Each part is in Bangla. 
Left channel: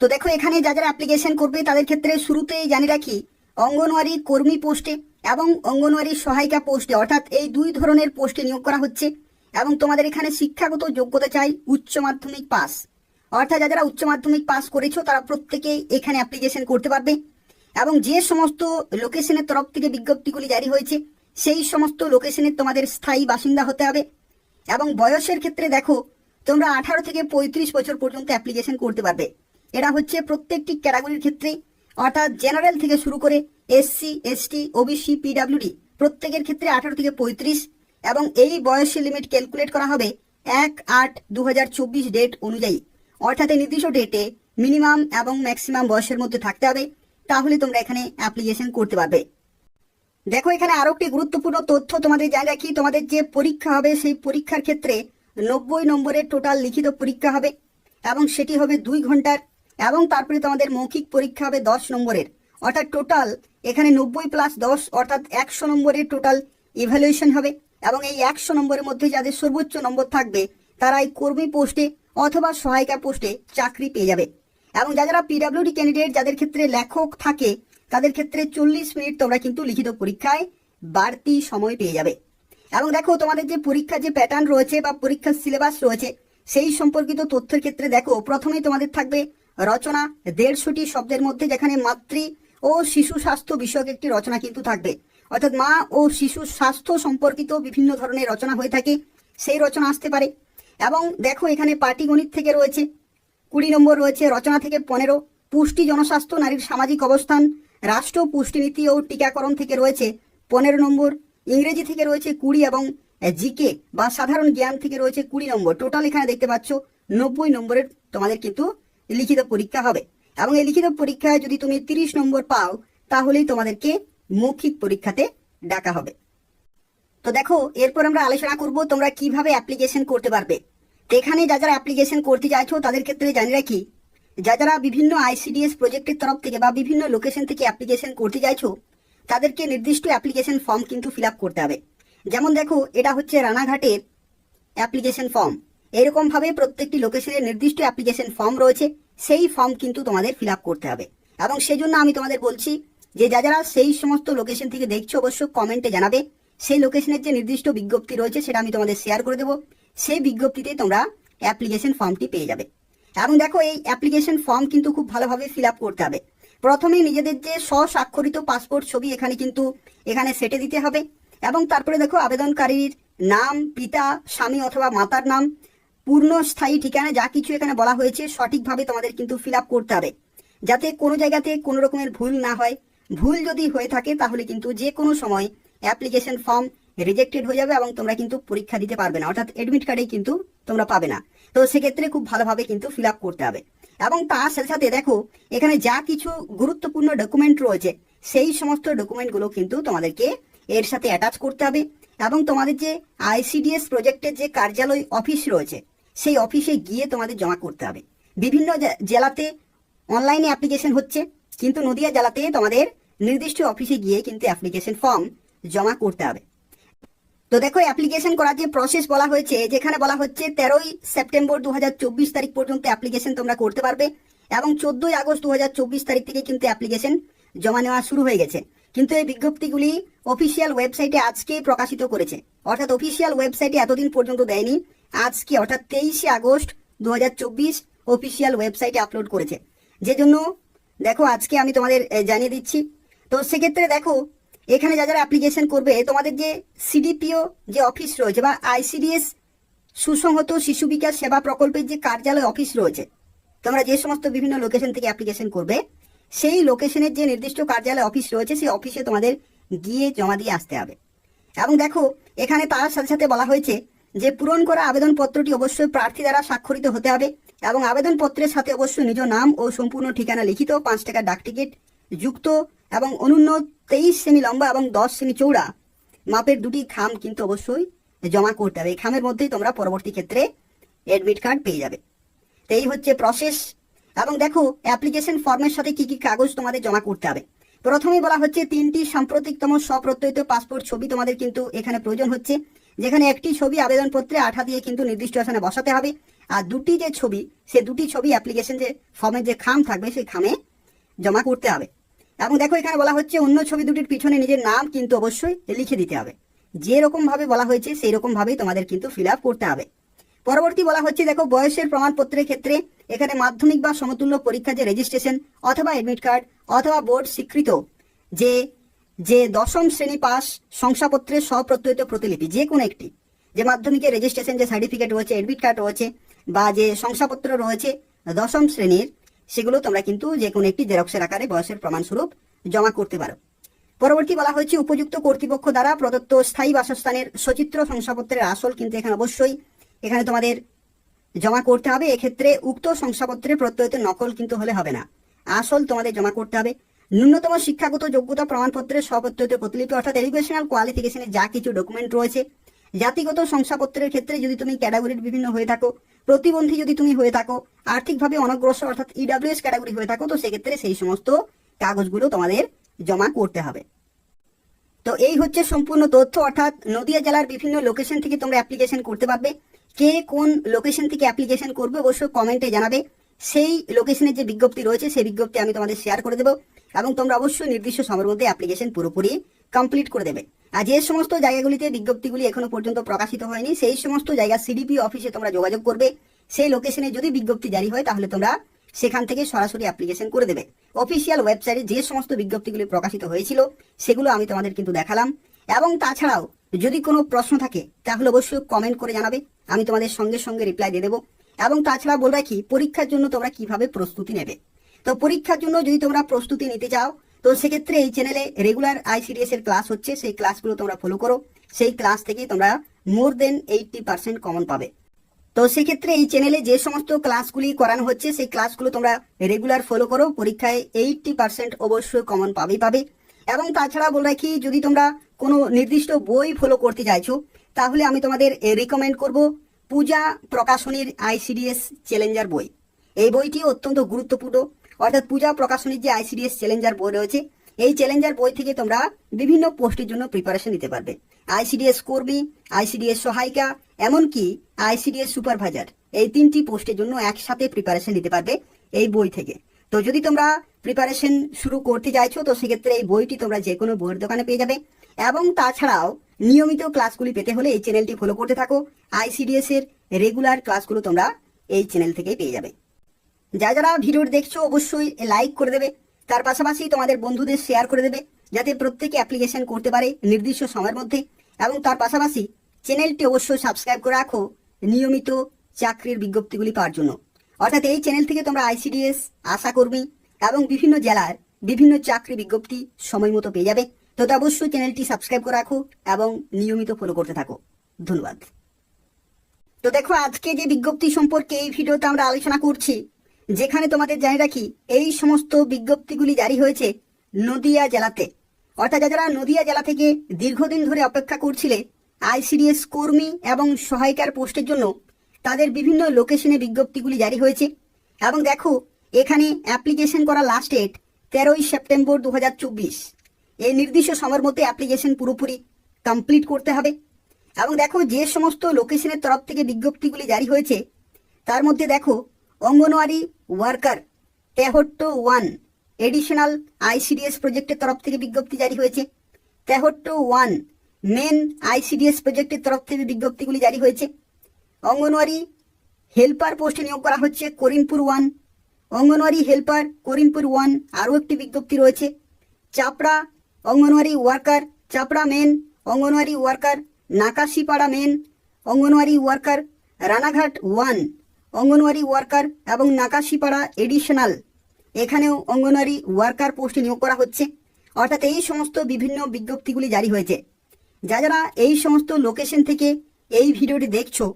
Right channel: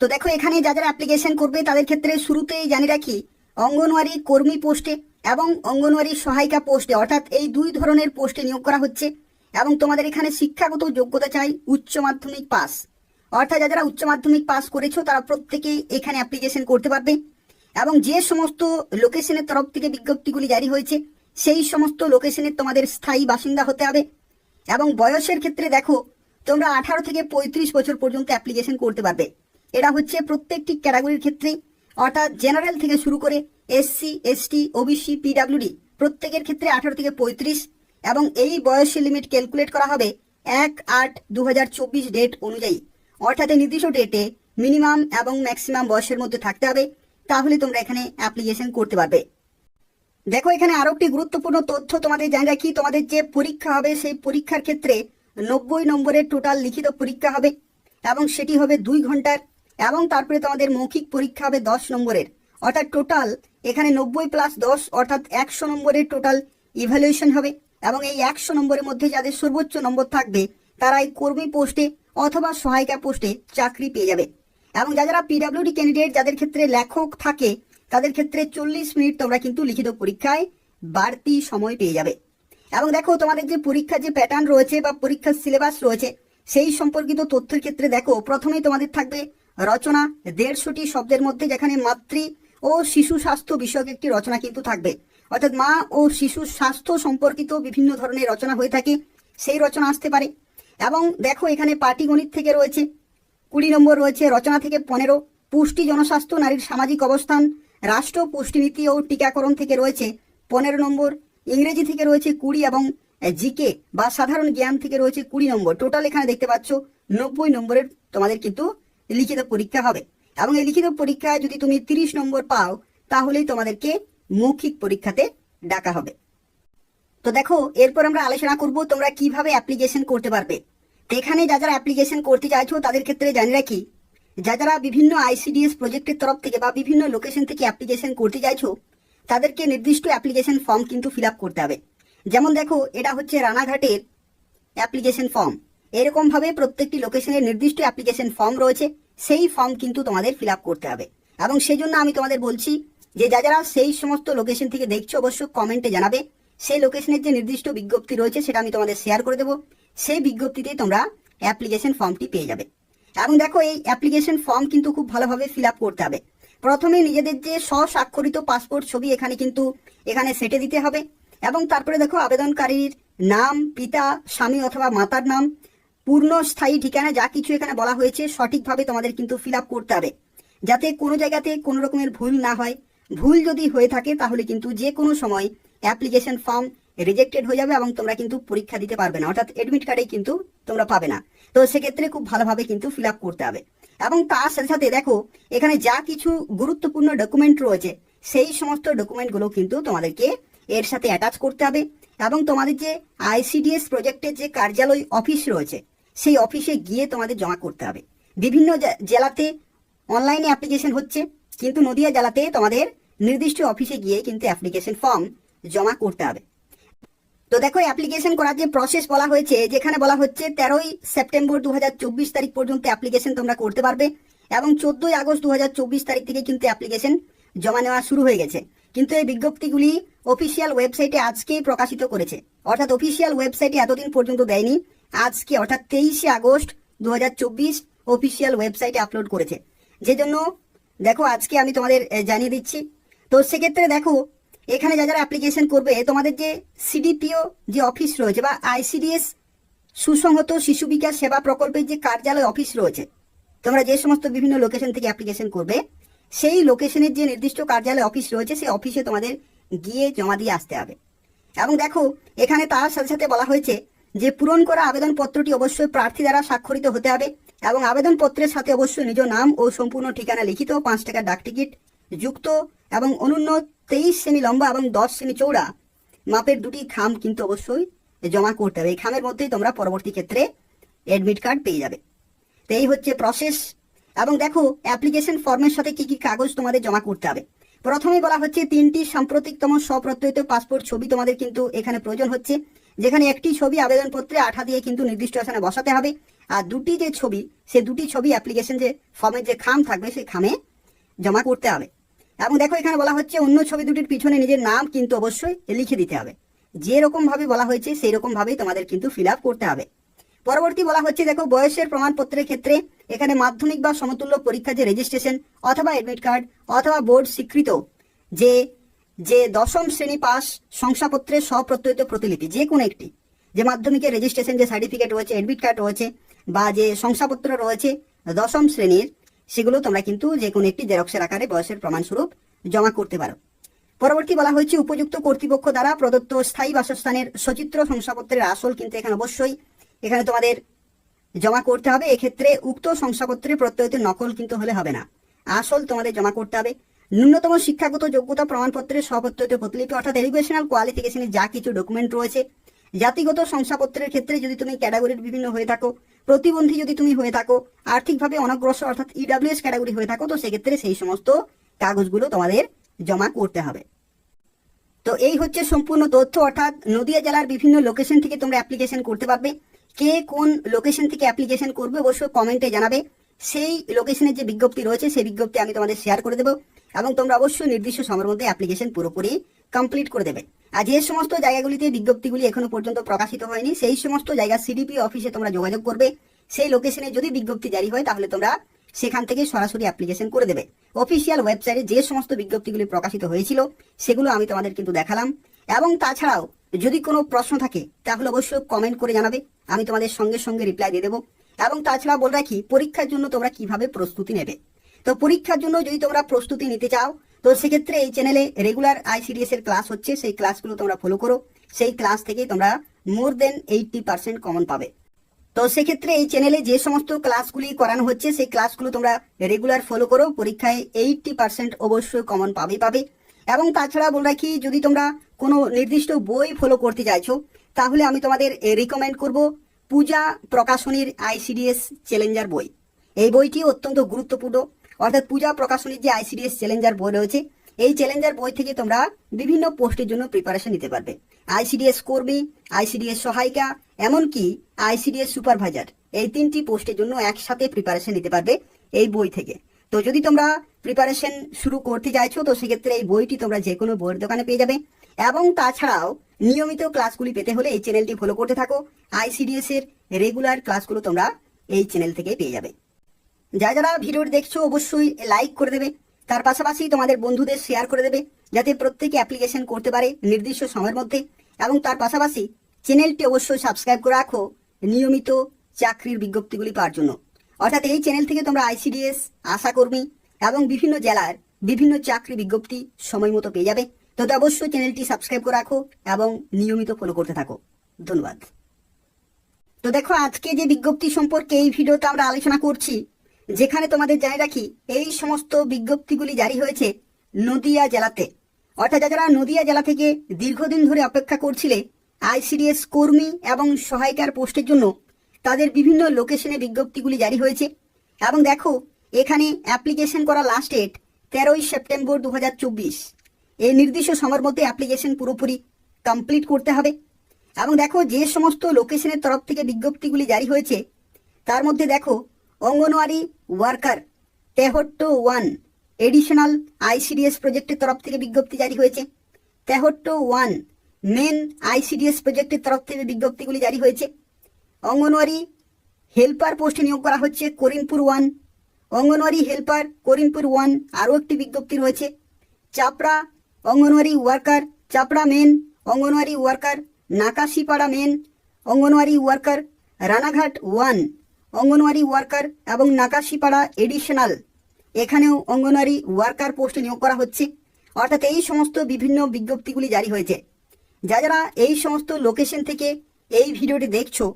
তো দেখো এখানে যারা অ্যাপ্লিকেশন করবে তাদের ক্ষেত্রে শুরুতেই জানিয়ে রাখি, অঙ্গনওয়াড়ি কর্মী পোস্টে এবং অঙ্গনওয়াড়ি সহায়িকা পোস্টে, অর্থাৎ এই দুই ধরনের পোস্টে নিয়োগ করা হচ্ছে। এবং তোমাদের এখানে শিক্ষাগত যোগ্যতা চাই উচ্চ মাধ্যমিক পাস, অর্থাৎ যারা উচ্চ মাধ্যমিক পাস করেছো তারা প্রত্যেকেই এখানে অ্যাপ্লিকেশন করতে পারবে। এবং যে সমস্ত লোকেশনের তরফ থেকে বিজ্ঞপ্তিগুলি জারি হয়েছে সেই সমস্ত লোকেশনের তোমাদের স্থায়ী বাসিন্দা হতে হবে। এবং বয়সের ক্ষেত্রে দেখো, তোমরা 18 থেকে 35 বছর পর্যন্ত অ্যাপ্লিকেশন করতে পারবে। এটা হচ্ছে প্রত্যেকটি ক্যাটাগরির ক্ষেত্রে, অর্থাৎ জেনারেল থেকে শুরু করে এসসি, এসটি, ওবিসি, পিডাব্লিউডি প্রত্যেকের ক্ষেত্রে 18 থেকে 35। এবং এই বয়সের লিমিট ক্যালকুলেট করা হবে 1/8/2024 ডেট অনুযায়ী, অর্থাৎ এই নির্দিষ্ট ডেটে মিনিমাম এবং ম্যাক্সিমাম বয়সের মধ্যে থাকতে হবে, তাহলে তোমরা এখানে অ্যাপ্লিকেশন করতে পারবে। দেখো এখানে আরো একটি গুরুত্বপূর্ণ তথ্য তোমাদের জানিয়ে রাখি, তোমাদের যে পরীক্ষা হবে সেই পরীক্ষার ক্ষেত্রে 90 নম্বরের টোটাল লিখিত পরীক্ষা হবে এবং সেটি হবে 2 ঘন্টার। এবং তারপরে তোমাদের মৌখিক পরীক্ষা হবে 10 নম্বরের, অর্থাৎ টোটাল এখানে 90 + 10 অর্থাৎ 100 নম্বরের টোটাল ইভ্যালুয়েশন হবে। এবং এই 100 নম্বরের মধ্যে যাদের সর্বোচ্চ নম্বর থাকবে তারা এই কর্মী পোস্টে অথবা সহায়িকা পোস্টে চাকরি পেয়ে যাবে। এবং যারা পিডাব্লিউডি ক্যান্ডিডেট যাদের ক্ষেত্রে লেখক থাকে তাদের ক্ষেত্রে 40 মিনিট তোমরা কিন্তু লিখিত পরীক্ষায় বাড়তি সময় পেয়ে যাবে। এবং দেখো তোমাদের যে পরীক্ষার যে প্যাটার্ন রয়েছে বা পরীক্ষার সিলেবাস রয়েছে সেই সম্পর্কিত তথ্যের ক্ষেত্রে দেখো, প্রথমেই তোমাদের থাকবে রচনা 150টি শব্দের মধ্যে, যেখানে মাতৃ ও শিশু স্বাস্থ্য বিষয়ক একটি রচনা কিন্তু থাকবে, অর্থাৎ মা ও শিশু স্বাস্থ্য সম্পর্কিত বিভিন্ন ধরনের রচনা হয়ে থাকে, সেই রচনা আসতে পারে। এবং দেখো এখানে পাটিগণিত থেকে রয়েছে 20 নম্বর, রয়েছে রচনা থেকে 15, পুষ্টি জনস্বাস্থ্য নারীর সামাজিক অবস্থান রাষ্ট্র পুষ্টিনীতি ও টিকাকরণ থেকে রয়েছে 15 নম্বর, ইংরেজি থেকে রয়েছে 20 এবং জিকে বা সাধারণ জ্ঞান থেকে রয়েছে 20 নম্বর। টোটাল এখানে দেখতে পাচ্ছ 90 নম্বরের তোমাদের কিন্তু লিখিত পরীক্ষা হবে। এবং এই লিখিত পরীক্ষায় যদি তুমি 30 নম্বর পাও তাহলেই তোমাদেরকে মৌখিক পরীক্ষাতে ডাকা হবে। তো দেখো এরপর আমরা আলোচনা করব তোমরা কিভাবে অ্যাপ্লিকেশন করতে পারবে। এখানে যারা অ্যাপ্লিকেশন করতে চাইছো তাদের ক্ষেত্রে জানিয়ে রাখি, যারা বিভিন্ন আইসিডিএস প্রজেক্টের তরফ থেকে বা বিভিন্ন লোকেশন থেকে অ্যাপ্লিকেশন করতে চাইছো তাদেরকে নির্দিষ্ট অ্যাপ্লিকেশন ফর্ম কিন্তু ফিল আপ করতে হবে। যেমন দেখো এটা হচ্ছে রানাঘাটের অ্যাপ্লিকেশন ফর্ম, এরকম ভাবে প্রত্যেকটি লোকেশনের নির্দিষ্ট অ্যাপ্লিকেশন ফর্ম রয়েছে, সেই ফর্ম কিন্তু তোমাদের ফিল আপ করতে হবে। এবং সেই জন্য আমি তোমাদের বলছি যে যারা সেই সমস্ত লোকেশন থেকে দেখছো অবশ্য কমেন্টে জানাবে, সেই লোকেশনের যে নির্দিষ্ট বিজ্ঞপ্তি রয়েছে সেটা আমি তোমাদের শেয়ার করে দেবো, সেই বিজ্ঞপ্তিতে তোমরা অ্যাপ্লিকেশন ফর্মটি পেয়ে যাবে। এবং দেখো এই অ্যাপ্লিকেশন ফর্ম কিন্তু খুব ভালোভাবে ফিল আপ করতে হবে। প্রথমে নিজেদের যে স্বস্বাক্ষরিত পাসপোর্ট ছবি এখানে সেটে দিতে হবে। এবং তারপরে দেখো আবেদনকারীর নাম, পিতা, স্বামী অথবা মাতার নাম, পূর্ণ স্থায়ী ঠিকানা যা কিছু এখানে বলা হয়েছে সঠিকভাবে তোমাদের কিন্তু ফিল আপ করতে হবে, যাতে কোনো জায়গাতে কোনো রকমের ভুল না হয়। ভুল যদি হয়ে থাকে তাহলে কিন্তু যে কোনো সময় অ্যাপ্লিকেশন ফর্ম রিজেক্টেড হয়ে যাবে এবং তোমরা কিন্তু পরীক্ষা দিতে পারবে না, অর্থাৎ এডমিট কার্ডে কিন্তু তোমরা পাবে না। তো সেক্ষেত্রে খুব ভালোভাবে কিন্তু ফিল আপ করতে হবে। এবং তার সাথে সাথে দেখো এখানে যা কিছু গুরুত্বপূর্ণ ডকুমেন্ট রয়েছে সেই সমস্ত ডকুমেন্টগুলো কিন্তু তোমাদেরকে এর সাথে অ্যাটাচ করতে হবে। এবং তোমাদের যে আইসিডিএস প্রজেক্টের যে কার্যালয় অফিস রয়েছে সেই অফিসে গিয়ে তোমাদের জমা করতে হবে। বিভিন্ন জেলাতে অনলাইনে অ্যাপ্লিকেশন হচ্ছে, কিন্তু নদিয়া জেলাতে তোমাদের নির্দিষ্ট অফিসে গিয়ে কিন্তু অ্যাপ্লিকেশন ফর্ম জমা করতে হবে। তো দেখো অ্যাপ্লিকেশন করার যে প্রসেস বলা হয়েছে, যেখানে বলা হচ্ছে 13ই সেপ্টেম্বর 2024 তারিখ পর্যন্ত অ্যাপ্লিকেশন তোমরা করতে পারবে এবং 14ই আগস্ট 2024 তারিখ থেকে কিন্তু অ্যাপ্লিকেশন জমা নেওয়া শুরু হয়ে গেছে। কিন্তু এই বিজ্ঞপ্তিগুলি অফিসিয়াল ওয়েবসাইটে আজকেই প্রকাশিত করেছে, অর্থাৎ অফিসিয়াল ওয়েবসাইটে এতদিন পর্যন্ত দেয়নি, আজকে অর্থাৎ 23শে আগস্ট 2024 অফিসিয়াল ওয়েবসাইটে আপলোড করেছে। যে জন্য দেখো আজকে আমি তোমাদের জানিয়ে দিচ্ছি। তো সেক্ষেত্রে দেখো এখানে যারা অ্যাপ্লিকেশন করবে তোমাদের যে সিডিপিও যে অফিস রয়েছে বা আইসিডিএস সুসংহত শিশু বিকাশ সেবা প্রকল্পের যে কার্যালয় অফিস রয়েছে, তোমরা যে সমস্ত বিভিন্ন লোকেশন থেকে অ্যাপ্লিকেশন করবে সেই লোকেশনের যে নির্দিষ্ট কার্যালয় অফিস রয়েছে সেই অফিসে তোমাদের গিয়ে জমা দিয়ে আসতে হবে। এবং দেখো এখানে তার সাথে সাথে বলা হয়েছে যে পূরণ করা আবেদনপত্রটি অবশ্যই প্রার্থী দ্বারা স্বাক্ষরিত হতে হবে এবং আবেদনপত্রের সাথে অবশ্যই নিজ নাম ও সম্পূর্ণ ঠিকানা লিখিত 5 টাকার ডাক টিকিট যুক্ত এবং অনূন্য 23 সেমি লম্বা এবং 10 সেমি চৌড়া মাপের দুটি খাম কিন্তু অবশ্যই জমা করতে হবে। এই খামের মধ্যেই তোমরা পরবর্তী ক্ষেত্রে এডমিট কার্ড পেয়ে যাবে। তো এই হচ্ছে প্রসেস। এবং দেখো অ্যাপ্লিকেশন ফর্মের সাথে কি কি কাগজ তোমাদের জমা করতে হবে। প্রথমেই বলা হচ্ছে 3টি সাম্প্রতিকতম স্বপ্রত্যয়িত পাসপোর্ট ছবি তোমাদের কিন্তু এখানে প্রয়োজন হচ্ছে, যেখানে একটি ছবি আবেদনপত্রে আঠা দিয়ে কিন্তু নির্দিষ্ট স্থানে বসাতে হবে আর দুটি যে ছবি, সেই দুটি ছবি অ্যাপ্লিকেশন যে ফর্মের যে খাম থাকবে সেই খামে জমা করতে হবে। এবং দেখো এখানে বলা হচ্ছে অন্য ছবি দুটির পিছনে নিজের নাম কিন্তু অবশ্যই লিখে দিতে হবে। যেরকম ভাবে বলা হয়েছে সেই রকম ভাবেই তোমাদের কিন্তু ফিল আপ করতে হবে। পরবর্তী বলা হচ্ছে দেখো বয়সের প্রমাণপত্রের ক্ষেত্রে এখানে মাধ্যমিক বা সমতুল্য পরীক্ষার যে রেজিস্ট্রেশন অথবা এডমিট কার্ড অথবা বোর্ড স্বীকৃত যে যে দশম শ্রেণী পাস শংসাপত্রের স্বপ্রত্যয়িত প্রতিলিপি যে কোনো একটি, যে মাধ্যমিকের রেজিস্ট্রেশন যে সার্টিফিকেট রয়েছে, এডমিট কার্ড রয়েছে বা যে শংসাপত্র রয়েছে দশম শ্রেণীর, সেগুলো তোমরা কিন্তু যে কোনো একটি জেরক্সের আকারে বয়সের প্রমাণস্বরূপ জমা করতে পারো। পরবর্তী বলা হচ্ছে উপযুক্ত কর্তৃপক্ষ দ্বারা প্রদত্ত স্থায়ী বাসস্থানের সচিত্র শংসাপত্রের আসল কিন্তু এখানে অবশ্যই এখানে তোমাদের জমা করতে হবে। এক্ষেত্রে উক্ত শংসাপত্রের প্রত্যয়িত নকল কিন্তু হলে হবে না, আসল তোমাদের জমা করতে হবে। ন্যূনতম শিক্ষাগত যোগ্যতা প্রমাণপত্রের স্বপ্রত্যয়িত প্রতিলিপি অর্থাৎ এডুকেশনাল কোয়ালিফিকেশনের যা কিছু ডকুমেন্ট রয়েছে। জাতিগত শংসাপত্রের ক্ষেত্রে যদি তুমি ক্যাটাগরির বিভিন্ন হয়ে থাকো, প্রতিবন্ধী যদি তুমি হয়ে থাকো, আর্থিকভাবে অনগ্রসর অর্থাৎ ইডব্লিউএস ক্যাটাগরি হয়ে থাকো, তো সেক্ষেত্রে সেই সমস্ত কাগজগুলো তোমাদের জমা করতে হবে। তো এই হচ্ছে সম্পূর্ণ তথ্য, অর্থাৎ নদিয়া জেলার বিভিন্ন লোকেশন থেকে তোমরা অ্যাপ্লিকেশন করতে পারবে। কে কোন লোকেশন থেকে অ্যাপ্লিকেশন করবে অবশ্যই কমেন্টে জানাবে। সেই লোকেশনের যে বিজ্ঞপ্তি রয়েছে সেই বিজ্ঞপ্তি আমি তোমাদের শেয়ার করে দেবো এবং তোমরা অবশ্যই নির্দিষ্ট সময়ের মধ্যে অ্যাপ্লিকেশন পুরোপুরি কমপ্লিট করে দেবে। আর যে সমস্ত জায়গাগুলিতে বিজ্ঞপ্তিগুলি এখনো পর্যন্ত প্রকাশিত হয়নি সেই সমস্ত জায়গা সিডিপি অফিসে তোমরা যোগাযোগ করবে। সেই লোকেশনে যদি বিজ্ঞপ্তি জারি হয় তাহলে তোমরা সেখান থেকে সরাসরি অ্যাপ্লিকেশন করে দেবে। অফিসিয়াল ওয়েবসাইটে যে সমস্ত বিজ্ঞপ্তিগুলি প্রকাশিত হয়েছিল সেগুলো আমি তোমাদের কিন্তু দেখালাম। এবং তাছাড়াও যদি কোনো প্রশ্ন থাকে তাহলে অবশ্যই কমেন্ট করে জানাবে, আমি তোমাদের সঙ্গে সঙ্গে রিপ্লাই দিয়ে দেবো। এবং তাছাড়া বলে রাখি পরীক্ষার জন্য তোমরা কিভাবে প্রস্তুতি নেবে। তো পরীক্ষার জন্য যদি তোমরা প্রস্তুতি নিতে চাও তো সেক্ষেত্রে এই চ্যানেলে রেগুলার আইসিডিএস এর ক্লাস হচ্ছে, সেই ক্লাসগুলো তোমরা ফলো করো। সেই ক্লাস থেকে তোমরা মোর দেন 80% কমন পাবে। তো সেক্ষেত্রে এই চ্যানেলে যে সমস্ত ক্লাসগুলি করানো হচ্ছে সেই ক্লাসগুলো তোমরা রেগুলার ফলো করো, পরীক্ষায় 80% অবশ্যই কমন পাবে। এবং তাছাড়া বলে রাখি যদি তোমরা কোনো নির্দিষ্ট বই ফলো করতে চাইছো তাহলে আমি তোমাদের রিকমেন্ড করব পূজা প্রকাশনীর আইসিডিএস চ্যালেঞ্জার বই। এই বইটি অত্যন্ত গুরুত্বপূর্ণ, অর্থাৎ পূজা প্রকাশনীর যে আইসিডিএস চ্যালেঞ্জার বই রয়েছে এই চ্যালেঞ্জার বই থেকে তোমরা বিভিন্ন পোস্টের জন্য প্রিপারেশন নিতে পারবে। আইসিডিএস কর্মী, আইসিডিএস সহায়িকা, এমনকি আইসিডিএস সুপারভাইজার, এই তিনটি পোস্টের জন্য একসাথে প্রিপারেশন নিতে পারবে এই বই থেকে। তো যদি তোমরা প্রিপারেশন শুরু করতে চাইছো তো সেক্ষেত্রে এই বইটি তোমরা যে কোনো বইয়ের দোকানে পেয়ে যাবে। এবং তাছাড়াও নিয়মিত ক্লাসগুলি পেতে হলে এই চ্যানেলটি ফলো করতে থাকো। আইসিডিএস এর রেগুলার ক্লাসগুলো তোমরা এই চ্যানেল থেকে পেয়ে যাবে। যারা ভিডিওটি দেখছো অবশ্যই লাইক করে দেবে, তার পাশাপাশি তোমাদের বন্ধুদের শেয়ার করে দেবে যাতে প্রত্যেকে অ্যাপ্লিকেশন করতে পারে নির্দিষ্ট সময়ের মধ্যে। এবং তার পাশাপাশি চ্যানেলটি অবশ্যই সাবস্ক্রাইব করে রাখো নিয়মিত চাকরির বিজ্ঞপ্তিগুলি পাওয়ার জন্য। অর্থাৎ এই চ্যানেল থেকে তোমরা আইসিডিএস, আশাকর্মী এবং বিভিন্ন জেলার বিভিন্ন চাকরি বিজ্ঞপ্তি সময় মতো পেয়ে যাবে। তো অবশ্যই চ্যানেলটি সাবস্ক্রাইব করে রাখো এবং নিয়মিত ফলো করতে থাকো। ধন্যবাদ। তো দেখো আজকে যে বিজ্ঞপ্তি সম্পর্কে এই ভিডিওতে আমরা আলোচনা করছি, যেখানে তোমাদের জানিয়ে রাখি এই সমস্ত বিজ্ঞপ্তিগুলি জারি হয়েছে নদিয়া জেলাতে। অর্থাৎ যারা নদিয়া জেলা থেকে দীর্ঘদিন ধরে অপেক্ষা করছিলে আইসিডিএস কর্মী এবং সহায়িকার পোস্টের জন্য, তাদের বিভিন্ন লোকেশনে বিজ্ঞপ্তিগুলি জারি হয়েছে। এবং দেখো এখানে অ্যাপ্লিকেশন করা লাস্ট ডেট 13ই সেপ্টেম্বর 2024। এই নির্দিষ্ট সময়ের মধ্যে অ্যাপ্লিকেশন পুরোপুরি কমপ্লিট করতে হবে। এবং দেখো যে সমস্ত লোকেশনের তরফ থেকে বিজ্ঞপ্তিগুলি জারি হয়েছে তার মধ্যে দেখো anganwadi worker Tehatta 1 additional ICDS প্রজেক্টের তরফ থেকে বিজ্ঞপ্তি জারি হয়েছে। তেহট্ট 1 মেন আইসিডিএস প্রজেক্টের তরফ থেকে বিজ্ঞপ্তিগুলি জারি হয়েছে। অঙ্গনওয়াড়ি হেল্পার পোস্টে নিয়োগ করা হচ্ছে করিমপুর 1। অঙ্গনওয়াড়ি হেল্পার করিমপুর 1 আরও একটি বিজ্ঞপ্তি রয়েছে। Chapra anganwadi worker, Chapra main anganwadi worker, Nakashipara main anganwadi worker, Ranaghat 1 anganwadi worker এবং নাকাশিপাড়া এডিশনাল, এখানেও অঙ্গনওয়াড়ি ওয়ার্কার পোস্টে নিয়োগ করা হচ্ছে। অর্থাৎ এই সমস্ত বিভিন্ন বিজ্ঞপ্তিগুলি জারি হয়েছে। যারা এই সমস্ত লোকেশন থেকে এই ভিডিওটি দেখছো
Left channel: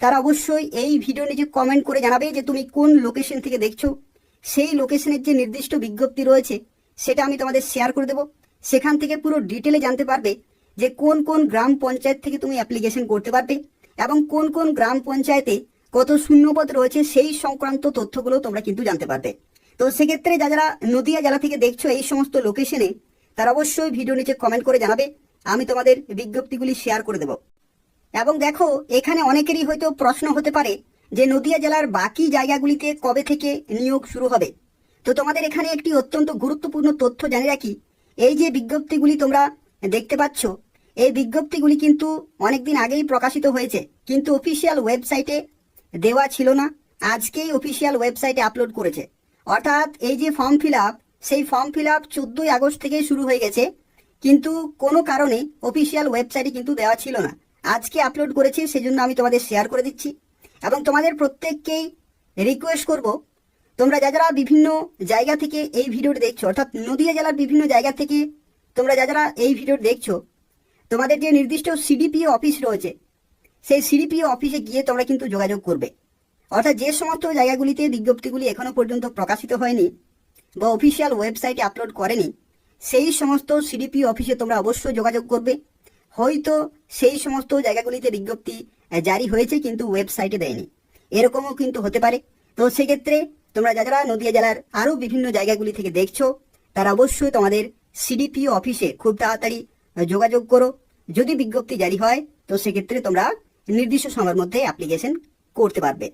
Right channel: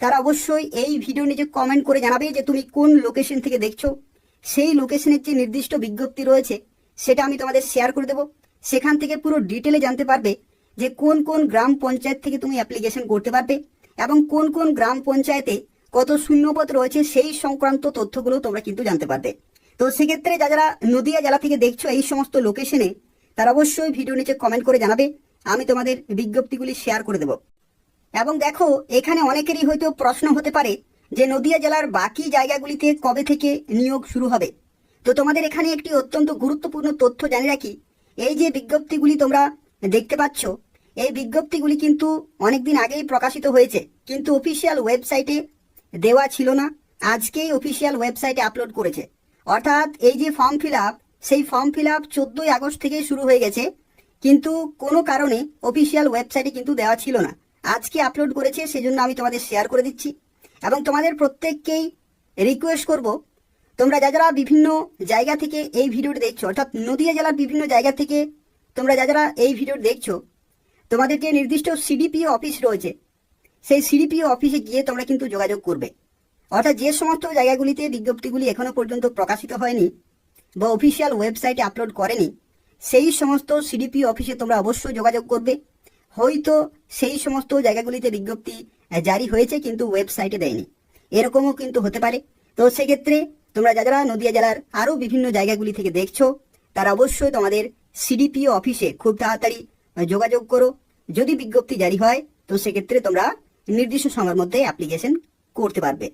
তারা অবশ্যই এই ভিডিও নিচে কমেন্ট করে জানাবে যে তুমি কোন লোকেশন থেকে দেখছো। সেই লোকেশনের যে নির্দিষ্ট বিজ্ঞপ্তি রয়েছে সেটা আমি তোমাদের শেয়ার করে দেবো। সেখান থেকে পুরো ডিটেলে জানতে পারবে যে কোন কোন গ্রাম পঞ্চায়েত থেকে তুমি অ্যাপ্লিকেশন করতে পারবে এবং কোন কোন গ্রাম পঞ্চায়েতে কত শূন্যপদ রয়েছে সেই সংক্রান্ত তথ্যগুলো তোমরা কিন্তু জানতে পারবে। তো সেক্ষেত্রে যারা নদিয়া জেলা থেকে দেখছো এই সমস্ত লোকেশনে তারা অবশ্যই ভিডিও নিচে কমেন্ট করে জানাবে, আমি তোমাদের বিজ্ঞপ্তিগুলি শেয়ার করে দেব। এবং দেখো এখানে অনেকেরই হয়তো প্রশ্ন হতে পারে যে নদিয়া জেলার বাকি জায়গাগুলিতে কবে থেকে নিয়োগ শুরু হবে। তো তোমাদের এখানে একটি অত্যন্ত গুরুত্বপূর্ণ তথ্য জানিয়ে রাখি, এই যে বিজ্ঞপ্তিগুলি তোমরা দেখতে পাচ্ছ, এই বিজ্ঞপ্তিগুলি কিন্তু অনেকদিন আগেই প্রকাশিত হয়েছে, কিন্তু অফিসিয়াল ওয়েবসাইটে দেওয়া ছিল না। আজকেই অফিসিয়াল ওয়েবসাইটে আপলোড করেছে। অর্থাৎ এই যে ফর্ম ফিল আপ, সেই ফর্ম ফিল আপ 14ই আগস্ট থেকেই শুরু হয়ে গেছে, কিন্তু কোনো কারণে অফিসিয়াল ওয়েবসাইটে কিন্তু দেওয়া ছিল না। আজকে আপলোড করেছে, সেজন্য আমি তোমাদের শেয়ার করে দিচ্ছি। এবং তোমাদের প্রত্যেককেই রিকোয়েস্ট করব, তোমরা যারা বিভিন্ন জায়গা থেকে এই ভিডিওটি দেখছো, অর্থাৎ নদিয়া জেলার বিভিন্ন জায়গা থেকে তোমরা যারা এই ভিডিও দেখছো, তোমাদের যে নির্দিষ্ট সিডিপিও অফিস রয়েছে, সেই সিডিপিও অফিসে গিয়ে তোমরা কিন্তু যোগাযোগ করবে। অর্থাৎ যে সমস্ত জায়গাগুলিতে বিজ্ঞপ্তিগুলি এখনো পর্যন্ত প্রকাশিত হয়নি বা অফিসিয়াল ওয়েবসাইটে আপলোড করেনি, সেই সমস্ত সিডিপিও অফিসে তোমরা অবশ্যই যোগাযোগ করবে। হয়তো সেই সমস্ত জায়গাগুলিতে বিজ্ঞপ্তি জারি হয়েছে কিন্তু ওয়েবসাইটে দেয়নি, এরকমও কিন্তু হতে পারে। তো সেক্ষেত্রে তোমরা যারা নদিয়া জেলার আরও বিভিন্ন জায়গাগুলি থেকে দেখছো, তারা অবশ্যই তোমাদের সিডিপিও অফিসে খুব তাড়াতাড়ি যোগাযোগ করো। যদি বিজ্ঞপ্তি জারি হয় তো সেক্ষেত্রে তোমরা নির্দিষ্ট সময়ের মধ্যে অ্যাপ্লিকেশন করতে পারবে।